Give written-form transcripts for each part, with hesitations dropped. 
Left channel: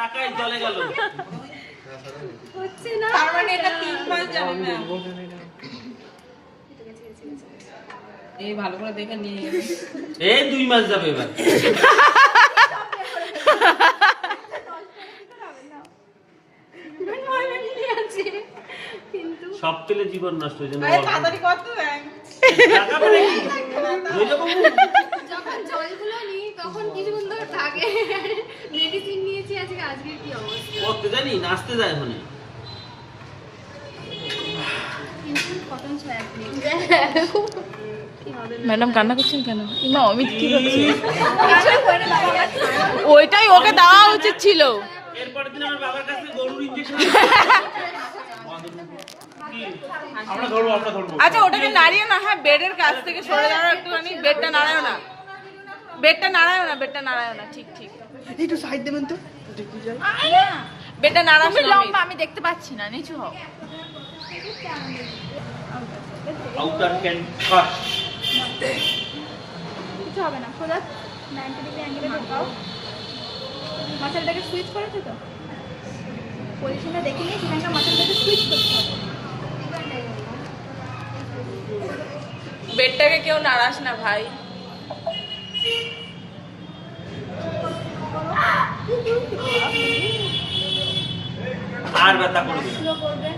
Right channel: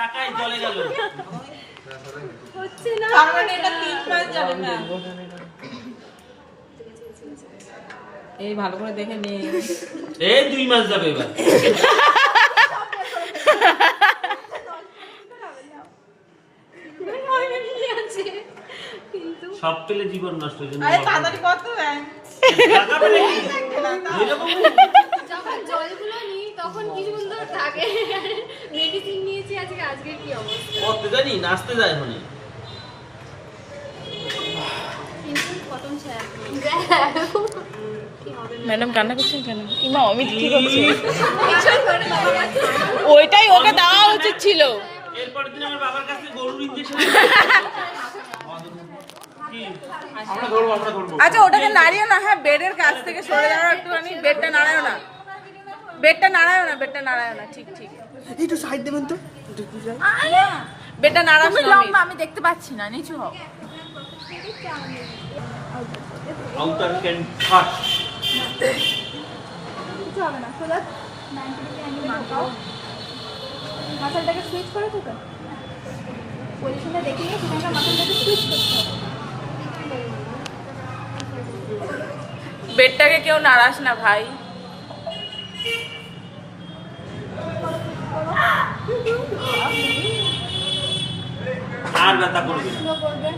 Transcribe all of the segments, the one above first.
টাকাই চলে গেল। হচ্ছে না, তার মানে এটা 3 মাস যাবে ম্যাম। এই ভালো করে দেখে নে। এই 2 মাস যাবে এবার। কিন্তু সব পেলে জীবন নষ্ট হয়ে যাবে। আরে তাড়াতাড়ি কর তো ম্যাম। টাকা পেলে কি? যখন জলগুলো নিই তখন কিছুক্ষণ ধরে থাকে, মেডিসিন নিয়েছি আজকে। আজকে কি অবস্থা, করতে জানি, নাচতে যায় ওখানে। কিন্তু কতন ছায়া ম্যাডাম কান্না করছেন কেন? ইমা অমিত কি করছে? ওইটাই ওকে দেওয়া উচিত ছিল। এরপরের দিন আমার বাবার কাছে গরুর ইনজেকশন। আচ্ছা ওটাকে নাড়িও না। হ্যাঁ বেডের কাছ থেকে সরে দাঁড়াও একটুখানি। বেডটা নাড়ায়ও না, বেডটা নাড়ায়ও না, বেডটা নাড়ায়ও না। ঠিক ঠিক একটু সাইড দেবেন তো, দেখি যাই। বেডটা নাড়াও। তুমি লম্বা, আমি দেখতে পাচ্ছি না, নিচু হও। আউটার ক্যান কাট। কিছু হবে না। খোলা 90 ডিগ্রি অ্যাঙ্গেলে ঢোকাও। মাসেলটাকে সুইচ করেছো তো? পজিশনটা দেখে নিয়ে সেখানকার মাসেলটাকে সুইচ করতে হবে। বেডটাকে কেউ নাড়াস না ভাই। আর ব্যথা করবে না। স্লো করবে।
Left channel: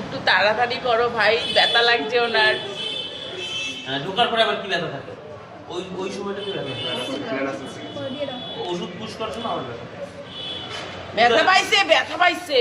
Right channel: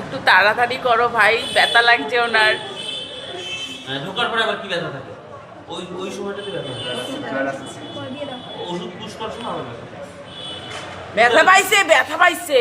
একটু তাড়াতাড়ি করো ভাই, ব্যথা লাগছে ওনার। হ্যাঁ, ঢোকার পরে আবার কি ব্যথা থাকে? ওই সময়টাতে ব্যথা থাকে। করে দিয়ে দাও। ওষুধ পুশ করছো না, আবার ব্যথা। ব্যথা পাইছে, ব্যথা পাইছে।